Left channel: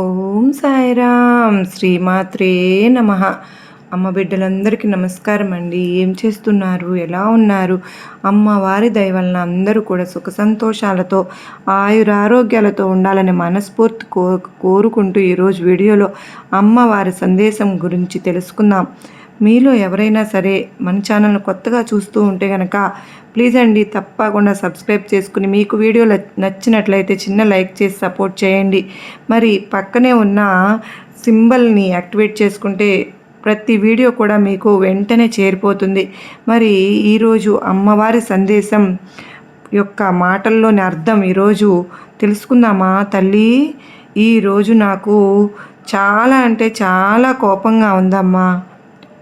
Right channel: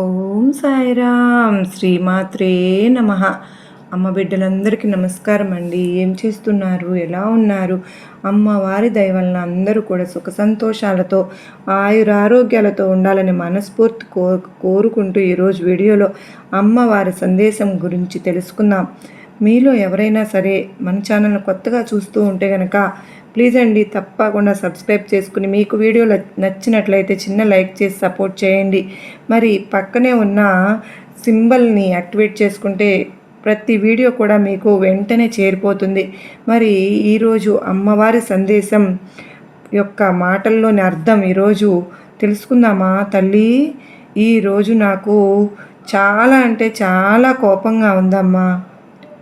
ఓం సాయిరామ్. శ్రీమాత్రే నమ. అమ్మ బిడ్డలందరికీ నమస్కారం అండి. ఏం చేస్తున్నారు? ఎలా ఉన్నారు? అమ్మవారి దయవలన అందరూ కూడా సుఖ సంతోషాలతో ఆయురారోగ్యాలతో ఉండాలని మనస్ఫూర్తి కో కోరుకుంటూ ఈరోజు వీడియోలో అమ్మవారి సందేశం గురించి తెలుసుకుందాం. మీలో ఎవరైనా సరే మన ఛానల్ను కొత్తగా చూస్తూ ఉంటే కనుక ప్లీజ్ అండి తప్పకుండా సబ్స్క్రైబ్ చేసుకుని మీకు వీడియో నచ్చినట్లయితే చిన్న లైక్ చేసి సపోర్ట్ చేయండి. మరి పక్కనే ఉన్న సింబల్ని యాక్టివేట్ చేసుకుంటే ప్రతి వీడియో కూడా మీకు వెంటనే చేరిపోతుంది. మరి ఈరోజు అమ్మవారి సందేశం యొక్క మాటల్లోని అర్థం ఈరోజు తెలుసుకుందామా తల్లి? ఈరోజు నాకు చాలా అంటే చాలా కోపంగా ఉందమ్మా.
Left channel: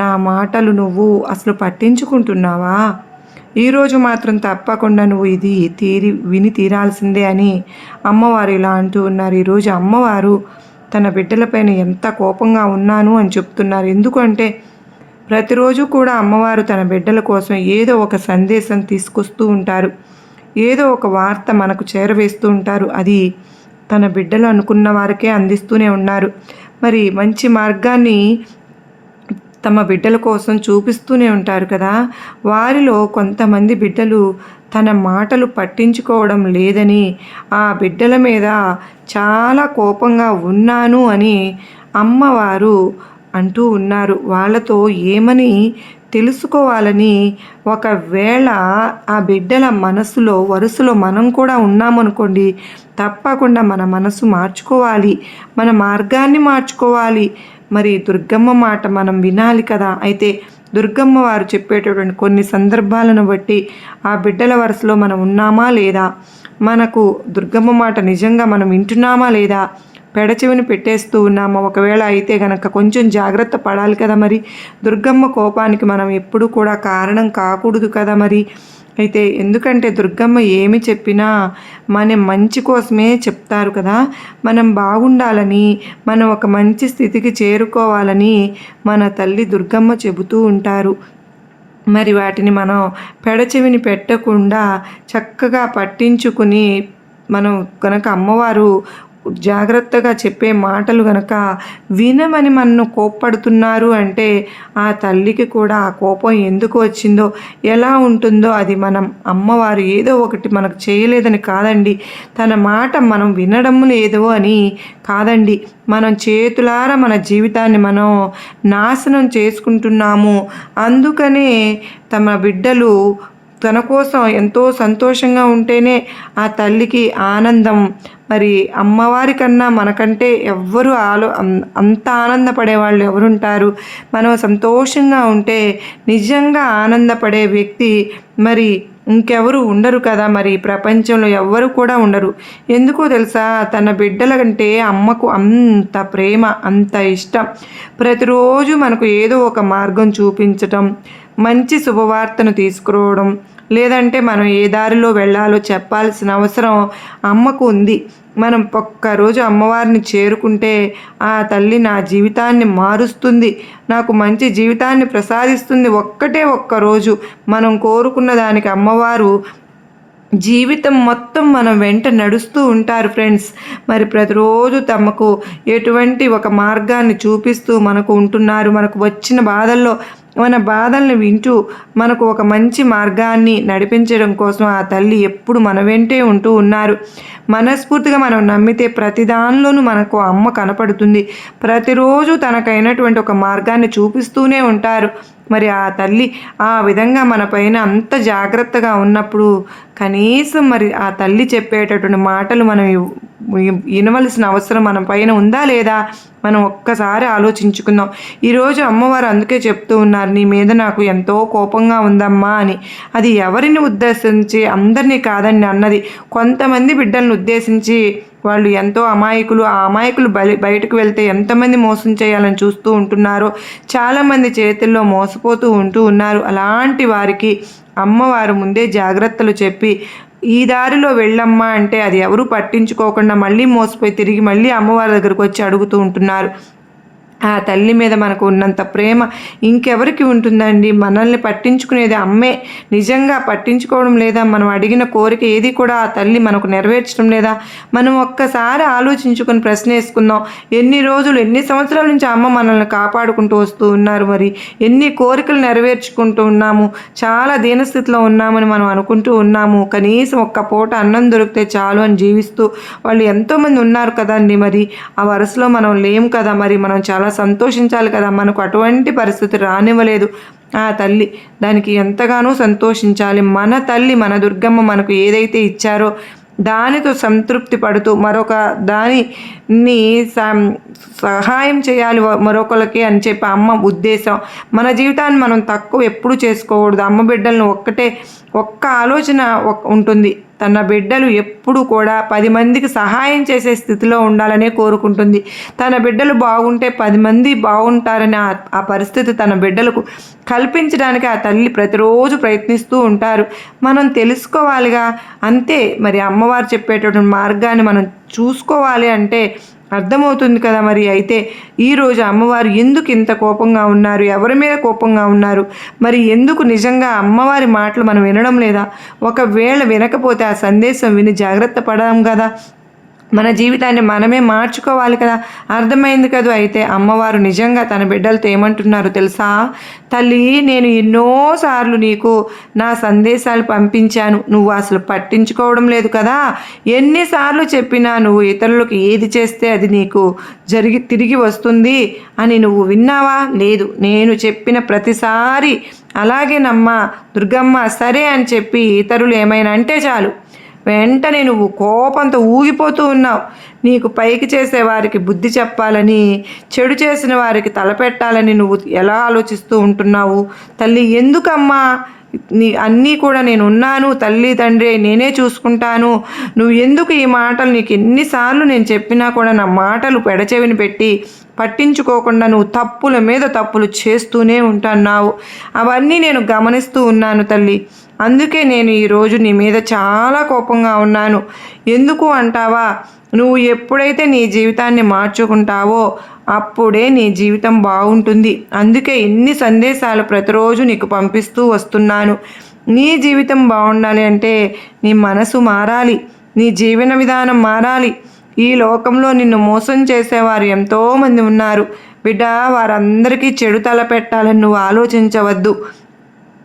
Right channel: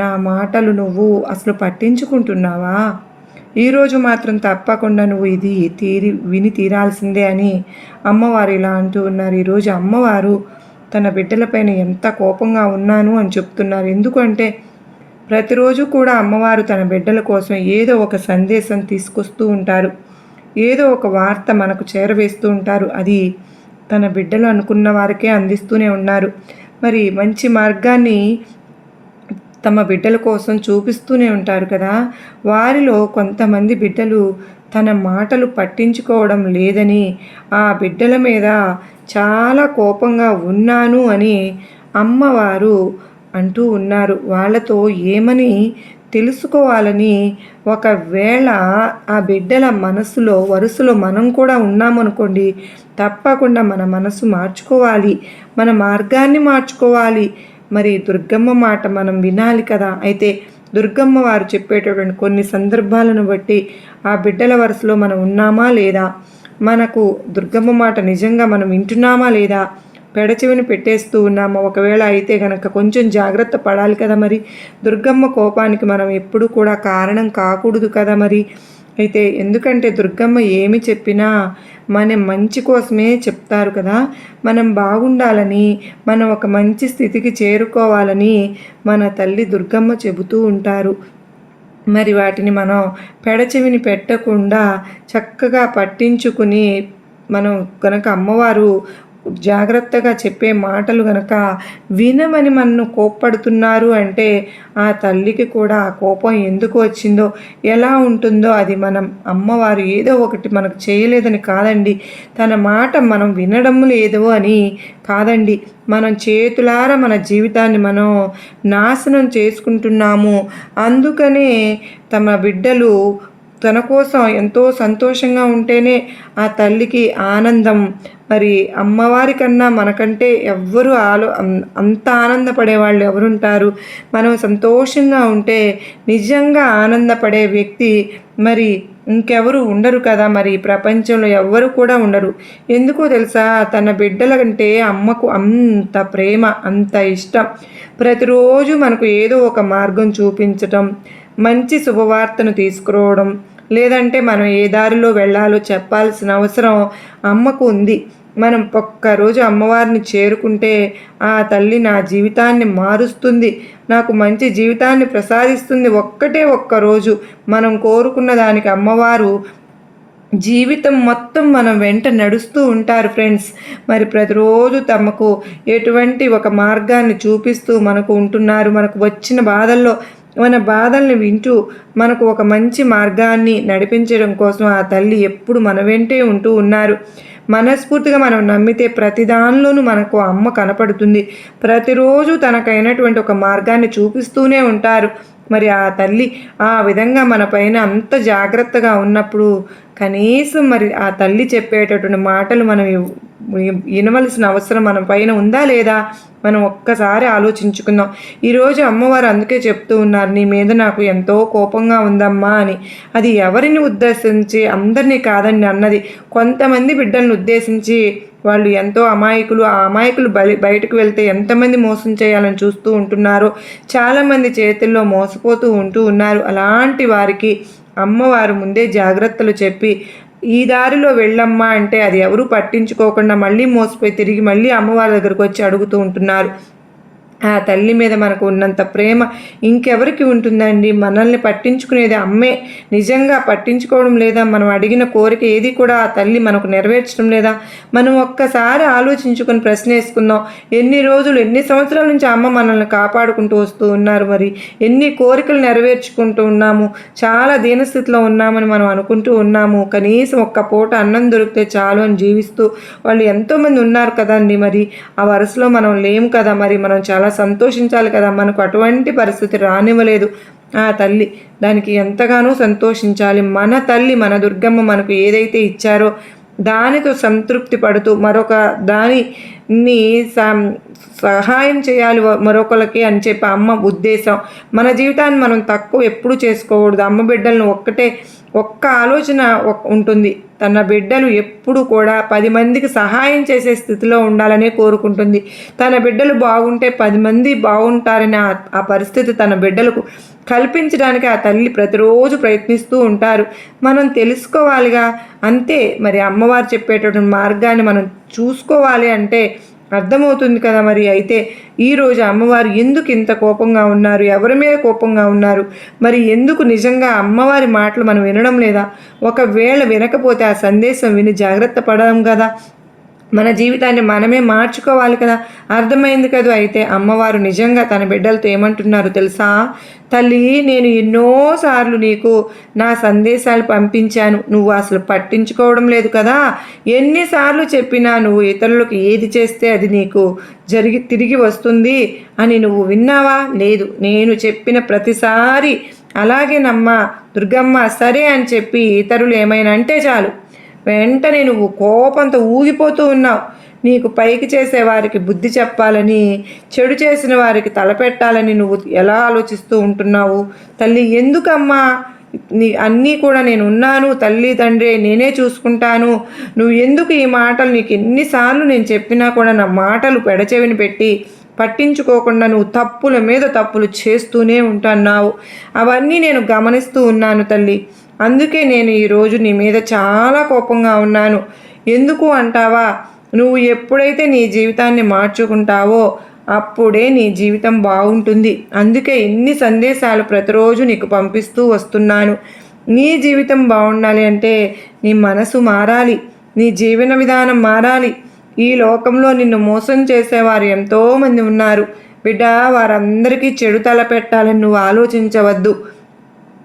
నా మాటలు నువ్వు అసలు పట్టించుకుంటున్నావా? ఈరోజు మాత్రం తప్పకుండా నువ్వు ఇది తీరి విని తీరాల్సిందే అని అమ్మవారు ఇలా అంటూ ఉన్నారు. ఈరోజు అమ్మవారు తన బిడ్డలపైన ఎంత కోపంగా ఉన్నాను అని చెప్తున్నారు. ఎందుకంటే ప్రతిరోజు కూడా అమ్మవారు తన బిడ్డల కోసం ఏదో ఒక సందేశం తీసుకొస్తూ ఉంటారు. ఏదో ఒక వార్త మనకు చేరవేస్తూ ఉంటారు. అది తన బిడ్డలు అనుకున్న వారికే అందిస్తూనే ఉన్నారు. మరి మంచి మార్గాన్ని తమ బిడ్డల కోసం చూపిస్తూనే ఉంటారు కదా. వారిలో కొంతమంది బిడ్డలు తన మాటలు పట్టించుకోవడం లేదని ఆ బిడ్డల మీద చాలా కోపంగా ఉన్నాను అని అమ్మవారు అంటూ ఉన్నారు. వాళ్ళతో ఏమని తెలుసుకోవాలని ఒకవేళ ఆ బిడ్డల మనసులో వరుసలో మనం కూడా ఉన్నామనుకోండి తప్పకుండా మన మనసు మార్చుకోవాలి. మన మార్గాన్ని మార్చుకోవాలి. మరి దుర్గమ్మ మాట మనం వినాలి కదా? అయితే దుర్గమ్మ వారు చెప్పేటటువంటి కొన్ని సందర్భాలను బట్టి ఆ బిడ్డల వరుసలో మనం ఉన్నామా లేదా? మనకు దుర్గమ్మ మాట నిజంగా మనం వింటున్నామా లేదా? పెడచెవిని పెట్టేస్తూ ఉన్నామా? ఒకవేళ అయితే గనక కొంచెం జాగ్రత్త పడాలి కదా మరి? దుర్గమ్మ కోపానికి మనం ఎప్పుడు కూడా కారణం కాకూడదు కదా మరి? అయితే ఎందుకంటే దుర్గమ్మ ఏమి చెప్పినా మన మంచి కోసమే చెప్తారు కదా. మనం బాగుండాలని మనం ఒక మంచి స్థితికి చేరుకోవాలని మన తల్లి దుర్గమ్మ చెబుతూ ఉంటారు. మరి వాటిని మనం పెడచెవిని పెట్టకుండా చక్కగా పట్టించుకుని మనం కనుక అమ్మవారు జాగ్రత్తగా చెప్పే మాటలు గనక వినమని మన్ను కోప్పడుతున్నారు అంటే ఆ తల్లికి కూడా ఆ కోపం ఎందుకు వచ్చిందో ఎలా ఉంటుందో అది మనం అమ్మవారు ఏదో ఒకటి మనకు చేయలేదని కాదండి. తన మాట మనం వినడం లేదు అని కాదండి. మనం చేతులారా మన జీవితాన్ని మనం నాశనం చేసుకుంటున్నాము. అందుకనే తమ బిడ్డలు తన కోసం ఎంతో సంతోషంగా ఉంటేనే ఆ తల్లికి ఆనందం. మరి అమ్మవారి కన్నా మనకంటే ఎవ్వరు ఆలో అంత ఆనందపడే వాళ్ళు ఎవరుంటారు? మనం సంతోషంగా ఉంటే నిజంగా ఆనందపడే వ్యక్తి మరి ఇంకెవరు ఉండరు కదా? మరి ప్రపంచంలో ఎవ్వరు కూడా ఉండరు. ఎందుకో తెలుసా? తన బిడ్డల కంటే అమ్మకు అంత ప్రేమ అంత ఇష్టం. ప్రతిరోజు మనకు ఏదో ఒక మార్గం చూపించటం మంచి శుభవార్తను తీసుకురావడం లేదంటే మనం ఏ దారిలో వెళ్ళాలో చెప్పాల్సిన అవసరం అమ్మకు ఉంది. మనం ఒక్కరోజు అమ్మవారిని చేరుకుంటే ఆ తల్లి నా జీవితాన్ని మారుస్తుంది నాకు మంచి జీవితాన్ని ప్రసాదిస్తుంది ఒక్కటే ఒక్కరోజు. మనం కోరుకున్న దానికి అమ్మవారు జీవితం మొత్తం మనం వెంట నడుస్తూ ఉంటారు ఫ్రెండ్స్. మరి ప్రతిరోజు తమకు ఎటువంటి ఒక మార్గాన్ని చూపిస్తూ మనకు ఉంటున్నారు మనకు వచ్చిన బాధల్లో మన బాధల్ని వింటూ మనకు ఒక మంచి మార్గాన్ని నడిపించడం కోసం ఆ తల్లి ఎప్పుడు మన వెంటే ఉంటూ ఉన్నారు. మనస్ఫూర్తిగా మనం నమ్మితే ప్రతి దానిలోనూ మనకు అమ్మ కనపడుతుంది. ప్రతిరోజు తనకైనటువంటి ఒక మార్గాన్ని చూపిస్తూనే ఉంటారు. మరి ఆ తల్లి ఆ విధంగా మన పైన అంత జాగ్రత్తగా ఉన్నప్పుడు కనీసం మరి ఆ తల్లి చెప్పేటటువంటి మాటలు మనం వినవలసిన అవసరం మన పైన ఉందా లేదా? మనం ఒక్కసారి ఆలోచించుకుందాం. ఈరోజు అమ్మవారు అందుకే చెప్తూ ఉన్నారు నీ మీద నాకు ఎంతో కోపంగా ఉందమ్మా అని. అది ఎవరిని ఉద్దేశించి? అందరినీ కాదని అన్నది. కొంతమంది బిడ్డలను ఉద్దేశించి వాళ్ళు ఎంతో అమాయకులు. ఆ అమాయకులు బలి బయటకు వెళ్తే ఎంతమంది మోసం చేయాలని చూస్తూ ఉంటున్నారు చాలామంది చేతుల్లో మోసపోతూ ఉంటూ ఉన్నారు. అలాంటి వారికి అమ్మవారు ముందే జాగ్రత్తలు చెప్పి ఈ దారిలో వెళ్ళమ్మా అంటే అది ఎవరు పట్టించుకోకుండా మళ్ళీ మోసపోయి తిరిగి మళ్ళీ అమ్మవారి దగ్గరకు వచ్చి అడుగుతూ ఉంటున్నారు. ఆ తల్లి మీద మనకు ఉన్నంత ప్రేమ ఇంకెవరికి ఉంటుందండి? మనల్ని పట్టించుకునేది అమ్మే. నిజంగా పట్టించుకోవడం లేదా? మనం అడిగిన కోరిక ఏది కూడా ఆ తల్లి మనకు నెరవేర్చడం లేదా? మనం ఒక్కసారి ఆలోచించుకొని ప్రశ్న వేసుకుందాం ఎన్ని రోజులు ఎన్ని సంవత్సరాల నుంచి అమ్మ మనల్ని కాపాడుకుంటూ వస్తూ ఉన్నారు మరి? ఎన్ని కోరికలు నెరవేర్చుకుంటూ ఉన్నాము? చాలా దీనస్థితిలో ఉన్నామని మనం అనుకుంటూ ఉన్నాము. కనీసం ఒక్క పూట అన్నం దొరికితే చాలు అని జీవిస్తూ వాళ్ళు ఎంతోమంది ఉన్నారు కదండి మరి? ఆ వరుసలో మనం లేము కదా మరి? మనం చాలా సంతోషించాలి కదా. మనకు అటువంటి పరిస్థితి రానివ్వలేదు. ఆ తల్లి దానికి ఎంతగానో సంతోషించాలి. మన తల్లి మన దుర్గమ్మ మనకు ఏదైతే ఇచ్చారో దానితో సంతృప్తి పడుతూ మరొక దానిని సహాయం చేయాలి మరొకరికి అని చెప్పి అమ్మ ఉద్దేశం. మన జీవితాన్ని మనం తక్కువ ఎప్పుడు చేసుకోకూడదు. అమ్మ బిడ్డలను ఒక్కటే ఒక్క ఆలోచన ఉంటుంది. తన బిడ్డలు ఎప్పుడు కూడా పది మందికి సహాయం చేసే స్థితిలో ఉండాలనే కోరుకుంటుంది. తన బిడ్డలు బాగుంటే పది మంది బాగుంటారనే ఆ పరిస్థితి తన బిడ్డలకు కల్పించడానికి ఆ తల్లి ప్రతిరోజు ప్రయత్నిస్తూ ఉంటారు. మనం తెలుసుకోవాలిగా. అంతే. మరి అమ్మవారు చెప్పేటటువంటి మార్గాన్ని మనం చూసుకోవాలి అంటే అర్థమవుతుంది కదా మరి? అయితే ఈరోజు అమ్మవారు ఎందుకు ఇంత కోపంగా ఉన్నారు? ఎవరి మీద కోపంగా ఉన్నారు? మరి ఎందుకు నిజంగా అమ్మవారి మాటలు మనం వినడం లేదా? ఒకవేళ వినకపోతే ఆ సందేశం విని జాగ్రత్త పడడం కదా. మన జీవితాన్ని మనమే మార్చుకోవాలి కదా. అర్థమైంది కదా? అయితే అమ్మవారు నిజంగా తన బిడ్డలతో ఏమంటున్నారు తెలుసా? తల్లి నేను ఎన్నోసార్లు నీకు నా సందేశాలు పంపించాను. నువ్వు అసలు పట్టించుకోవడం లేదు కదా. ఎన్నిసార్లు చెప్పినా నువ్వు ఇతరులకు ఏది చేస్తే అది నీకు జరిగి తిరిగి వస్తుంది అని నువ్వు విన్నావా? లేదు. నేను చెప్పిన ప్రతిసారి అలాగే నమ్మ దుర్గమ్మ సరే అని చెప్పి ఇతరులు ఏమైనా అంటే చాలు. వెంటనే నువ్వు కోపంతో ఊగిపోతూ ఉన్నావు నీకు పైకి చేసేవారికి బుద్ధి చెప్పాలని చెడు చేసిన వారికి తలపెట్టాలని నువ్వు ఎలా ఆలోచిస్తూ ఉంటున్నావు? తల్లి ఎందుకమ్మా? నీ అన్నీ కూడా నేను ఉన్నాను తల్లి తండ్రి నేనే చూసుకుంటాను. నువ్వు ఎందుకు ఈ మాటలు? నీకు ఎన్నిసార్లు నేను చెప్పినా కూడా నా మాటలు పెడచెవిని పెట్టి పట్టించుకోకుండా నువ్వు తప్పుల మీద తప్పులు చేస్తూనే ఉంటున్నావు. అవన్నీ నేను గమనిస్తూ ఉన్నాను తల్లి. అందుకే నేను ఈరోజు నీ మీద చాలా కోపంగా ఉన్నాను. ఎందుకు అంటావా? నువ్వు ఎప్పుడైతే నీ జీవితాన్ని మార్చుకుంటావో అప్పుడే నీ జీవితం బాగుంటుంది. అందుకే ఇన్ని సందేశాలు ప్రతిరోజు నీకు పంపిస్తూ వస్తున్నాను. నీ జీవితం బాగుండాలి అంటే నీ మనసు మారాలి. నీ జీవన విధానం మారాలి. ఈ లోకంలో నిన్ను మోసం చేసేవారు ఎంతోమంది ఉన్నారు. బిడ్డ వారందరికీ చెడు తల పెట్టాలని నువ్వు ఆలోచించవద్దు.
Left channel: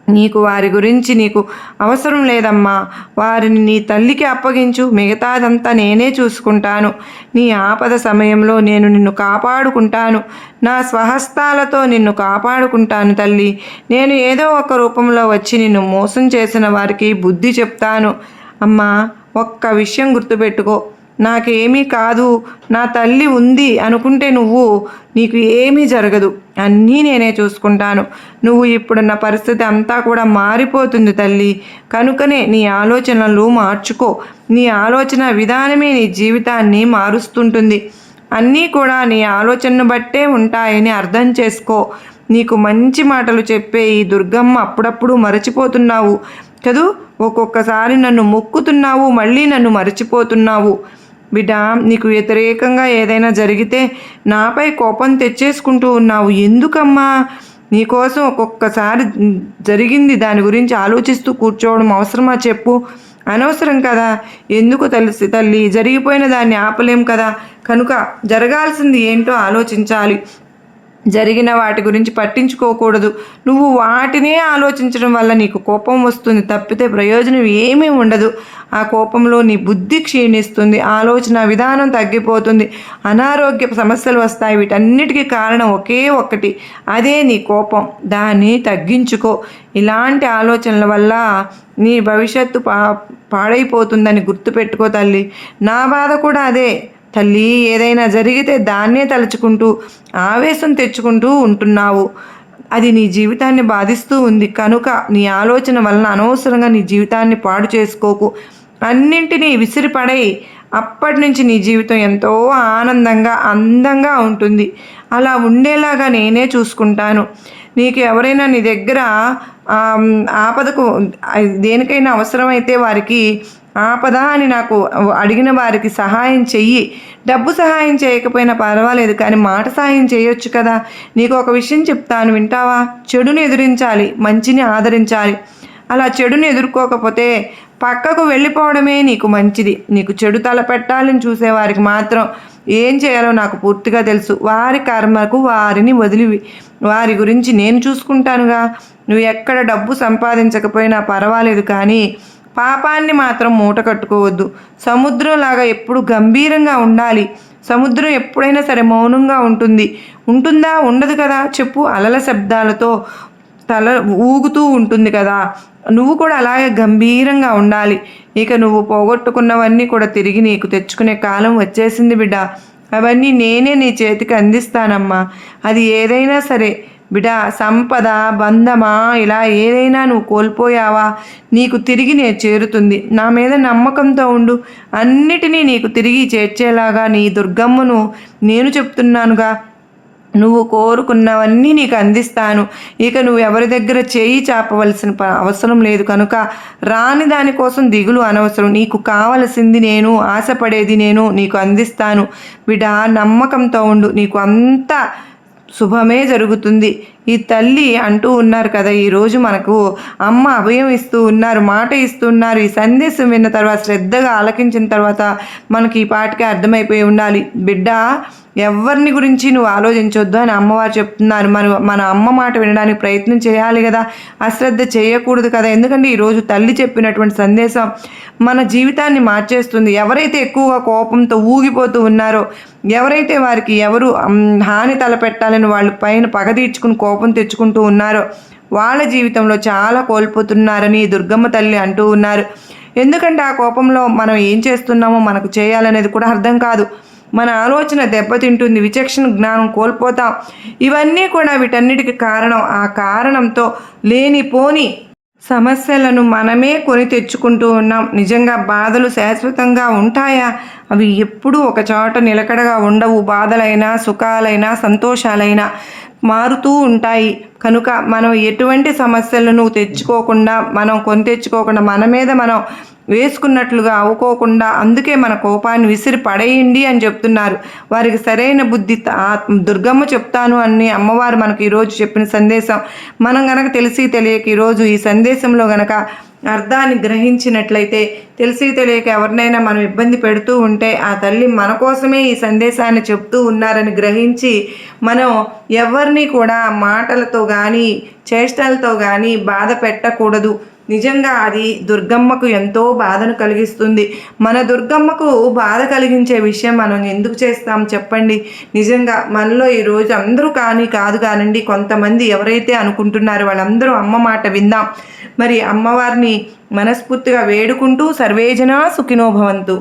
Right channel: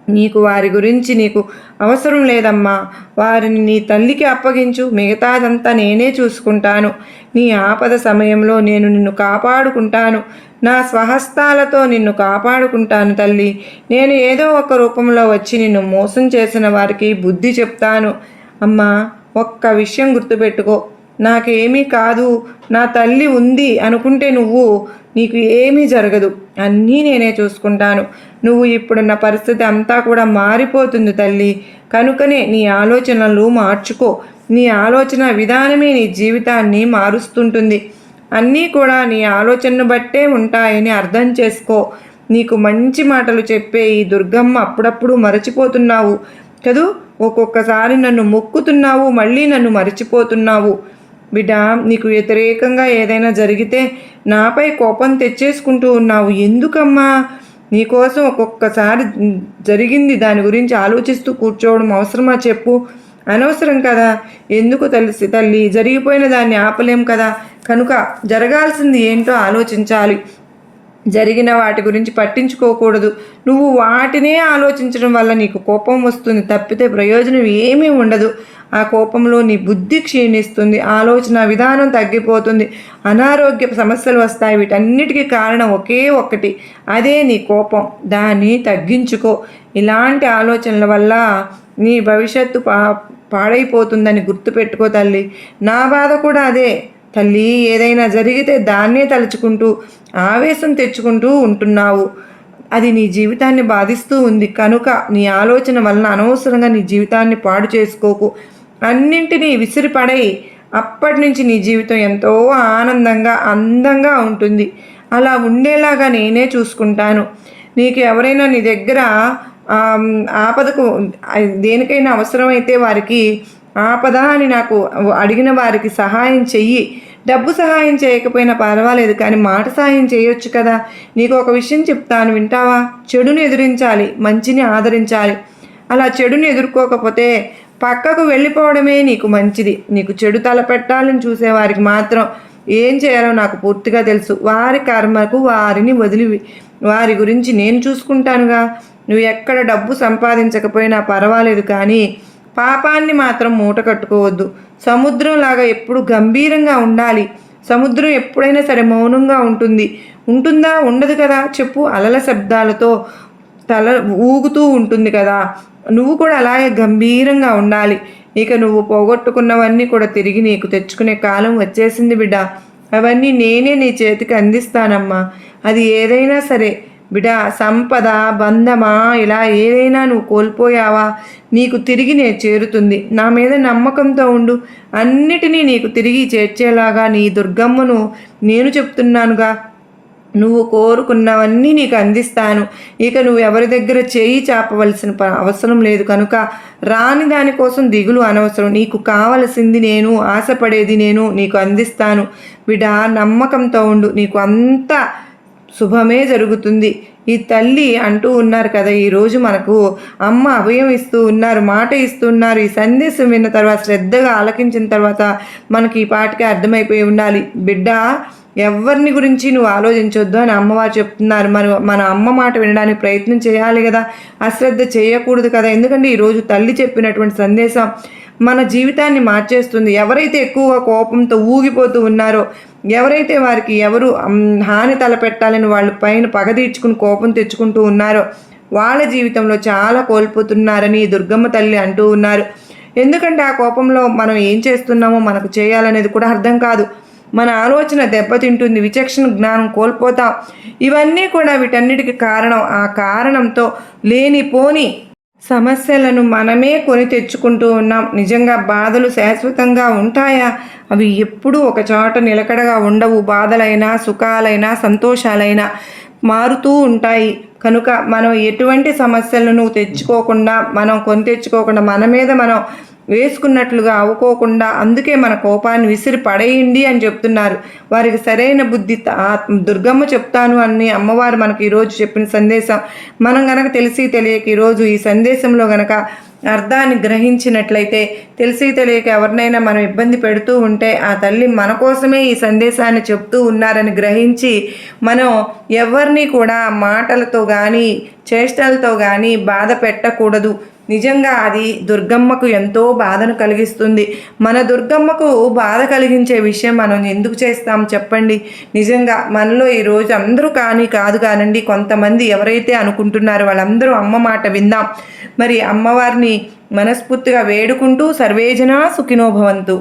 నీకు వారి గురించి నీకు అవసరం లేదమ్మా. వారిని నీ తల్లికి అప్పగించు. మిగతాదంతా నేనే చూసుకుంటాను. నీ ఆపద సమయంలో నేను నిన్ను కాపాడుకుంటాను. నా స్వహస్తాలతో నిన్ను కాపాడుకుంటాను తల్లి. నేను ఏదో ఒక రూపంలో వచ్చి నిన్ను మోసం చేసిన వారికి బుద్ధి చెప్తాను. అమ్మా ఒక్క విషయం గుర్తుపెట్టుకో. నాకేమీ కాదు నా తల్లి ఉంది అనుకుంటే నువ్వు నీకు ఏమీ జరగదు. అన్నీ నేనే చూసుకుంటాను. నువ్వు ఇప్పుడున్న పరిస్థితి అంతా కూడా మారిపోతుంది తల్లి. కనుకనే నీ ఆలోచనలు మార్చుకో. నీ ఆలోచన విధానమే నీ జీవితాన్ని మారుస్తుంటుంది. అన్నీ కూడా నీ ఆలోచనను బట్టే ఉంటాయని అర్థం చేసుకో. నీకు మంచి మాటలు చెప్పే ఈ దుర్గమ్మ అప్పుడప్పుడు మరచిపోతున్నావు. చదువు ఒక్కొక్కసారి నన్ను మొక్కుతున్నావు మళ్ళీ నన్ను మరచిపోతున్నావు. బిడ్డ నీకు వ్యతిరేకంగా ఏదైనా జరిగితే నాపై కోపం తెచ్చేసుకుంటూ ఉన్నావు. ఎందుకమ్మా? నీకోసం ఒక్కొక్కసారి జరిగింది దాని గురించి ఆలోచిస్తూ కూర్చోవడం అవసరమా చెప్పు. అనవసరం కదా? ఎందుకు తెలిసి తల్లి? జరిగిపోయిన దాన్ని ఆపలేం కదా? కనుక జరగాల్సింది ఏంటో ఆలోచించాలి. జరిగిన వాటి గురించి పట్టించుకోకూడదు. నువ్వు వాటినే ఆలోచించడం వల్ల నీకు కోపం వస్తుంది. తప్పితే ప్రయోజనం ఏమీ ఉండదు. ఆ కోపంలో నీ బుద్ధి క్షీణిస్తుంది ఆలోచన విధానం తగ్గిపోతుంది అనారోగ్య సమస్యలు వస్తాయి వీటన్నిటికీ కారణం ఒకే ఒక్కటి అదే నీ కోపం. దాన్ని తగ్గించుకో. ఇలాంటి ఆలోచనల వల్ల నీ భవిష్యత్తు పా పాడైపోతుందని గుర్తుపెట్టుకో తల్లి. నా బాధ కూడా అదే. తల్లి ఏదైనా జరిగితే దాన్నే తలుచుకుంటూ ఆవేశం తెచ్చుకుంటూ ఉంటున్నావు. అది నీ జీవితాన్ని బాధిస్తూ ఉంది. కనుక నీ ఆలోచన వలన అనవసరంగా నీ జీవితాన్ని పాడు చేసుకోకు. అన్నింటినీ విసిరిపడై అప్పటి నుంచి నీ జీవితం ఎంతో ఆనందంగా అందంగా ఉంటుంది. అలా ఉండేలాగా నేనే చూసుకుంటాను. నీకు ఎవరైనా నీ దగ్గర ఆపదకు దేనికైనా అవసరమైతే వారికి ఆపద అని నాకు అడిగిన వారికి సహాయం చెయ్యి. డబ్బు సహాయం చేయకపోయినా పర్వాలేదు కానీ మాట సహాయం చేయొచ్చు కదా. నీకు ఒక విషయం చెప్తాను వింటావా? చెడుని ఎదిరించాలి మంచిని ఆదరించాలి. అలా చెడుని ఎదుర్కోకపోతే పక్కకు వెళ్ళిపోవడమే నీకు మంచిది. నీకు చెడు తల పెట్టాలని చూసేవారికి మాత్రం ఏం చేయాలో నాకు పూర్తిగా తెలుసు. వారి కర్మకు వారిని వదిలి వారి గురించి నేను చూసుకుంటానుగా. నువ్వు ఎక్కడ డబ్బు సంపాదించకపోయినా పర్వాలేదు కానీ పాపాన్ని మాత్రం మూట కట్టుకోవద్దు. సముద్రంలాగా ఎప్పుడు గంభీరంగా ఉండాలి. సముద్రం ఎప్పుడైనా సరే మౌనంగా ఉంటుంది. ఉంటుందా? ఉండదు కదా. చెప్పు అలల శబ్దాలతో తల ఊగుతూ ఉంటుంది కదా. నువ్వు కూడా అలాగే గంభీరంగా ఉండాలి. ఇక నువ్వు పోగొట్టుకున్నవన్నీ కూడా తిరిగి నీకు తెచ్చుకునే కాలం వచ్చేసింది బిడ్డ. అవన్నీ నేనే నీ చేతికి అందిస్తానమ్మా. అది ఏదైనా సరే. బిడా సంపద బంధమా ఇలా ఏదైనా నువ్వు కోల్పోయావా? నీకు తిరిగి నేను చేరుతుంది. నా మీద నమ్మకంతో ఉండు. అన్నిటినీ నీకు తిరిగి చేర్చేలాగా నీ దుర్గమ్మను నేను చెప్తున్నానుగా. నువ్వు కోరుకున్నవన్నీ నీకు అందిస్తాను. ఇక నువ్వు ఎవరి దగ్గర చేయి చాపవలసిన అవసరం లేదు కనుక రాని దానికోసం దిగులు అనవసరం. నీకు కావలసింది నేను ఆశపడేది నేను నీకు అందిస్తాను. బిడా నమ్మకంతో ఉండు. నీకు అంత శుభమే జరుగుతుంది. ఈ తల్లి అంటూ ఉన్నారు కదా ఈరోజు మనకు అమ్మ అభయం ఇస్తూ ఉన్నారు మాట ఇస్తున్నారు ఈ సందేశం విన్న తర్వాత శ్రద్ధగా ఆలకించిన తర్వాత మనకి ఈ పాటికి అర్థమైపోయి ఉండాలి. బిడ్డ ఎవరిని గురించి నువ్వు ఆలోచించొద్దు అని అమ్మవారు చెప్తున్నారు. మనం మన అమ్మ మాట వినడానికి ప్రయత్నం చేయాలి కదా. అశ్రద్ధ చేయకూడదు కదా. ఎందుకంటే ఈరోజు తల్లి చెప్పినటువంటి సందేశం మన జీవితాన్ని మార్చేస్తుంది. ఎవరైతే ఎక్కువగా కోపంతో ఊగిపోతూ ఉన్నారో ఎవరైతే వారికి ఎవరు హాని తలపెట్టాలని వాళ్ళ పైన పగ తీర్చుకుని కోపం తెచ్చుకుంటూ ఉన్నారో వాళ్ళ జీవితంలో చాలా కోల్పోతున్నారని దుర్గమ్మ తల్లి అంటూ ఉన్నారు. ఎందుకంటే ఆ కోపంలో మనం ఏం చేస్తున్నామో మనకు చేయాలనేది కూడా అర్థం కాదు. మన ఆలోచన దెబ్బతింటుంది విచక్షణ జ్ఞానం కోల్పోతాం. ఇవన్నీ కూడా వీటన్నిటికి కారణం ఆ కారణంతో లేనిపోని సమస్యలను మనమే కొని తెచ్చుకుంటూ ఉన్నాం. నిజంగా బాధలు శాశ్వతంగా ఉంటాయా? అవి ఎప్పుడూ ఒక చోట నిలకడగా ఉండవు. బాధలైనా సుఖాలైనా సంతోషాలైనా మారుతూ ఉంటాయి. కనుక మనం ఎటువంటి సమస్యలను తెచ్చుకోకుండా మనం కొని తెచ్చుకోకుండా మన మీద మనం వేసుకున్నట్లుగా అవ్వుకోకుండా అందుకే మన కోపాన్ని విసిరి పడేయండి అని చెప్తున్నారు. వారికి సరైన బుద్ధి దుర్గమ్మ చెప్తాను అని అమ్మవారు మనకి ఈరోజు చెప్పిన సందేశం. మనం గనక తెలిసి తెలియక ఈరోజు ఈ సందేశంలో గనక అర్థాన్ని గ్రహించినట్లయితే తెలిసి తెలియక ఎవరినైనా మనం ఇబ్బంది పెడుతూ ఉంటే ఆ తల్లి మన కోసమే ఈ సందేశాన్ని చెప్తూ ఉన్నారని గ్రహించి మనం ఎవరిని కూడా మాటలతో కానీ చేష్టలతో కానీ బాధ పెట్టకూడదు. నిజంగా అది దుర్గమ్మకు ఎంతో బాధను కలిగిస్తుంది. మన దుర్గమ్మకు బాధ కలిగించే విషయం మనం ఎందుకు చేస్తాం చెప్పండి. నిజంగా మనలో ఈరోజు అందరూ కానీ కాదు కానండి కొంతమంది ఎవరైతే అనుకుంటున్నారో వాళ్ళందరూ అమ్మ మాట విందాం. మరి అమ్మవారిని మనస్ఫూర్తిగా వేడుకుంటూ సర్వేజన సుఖినోభవంతు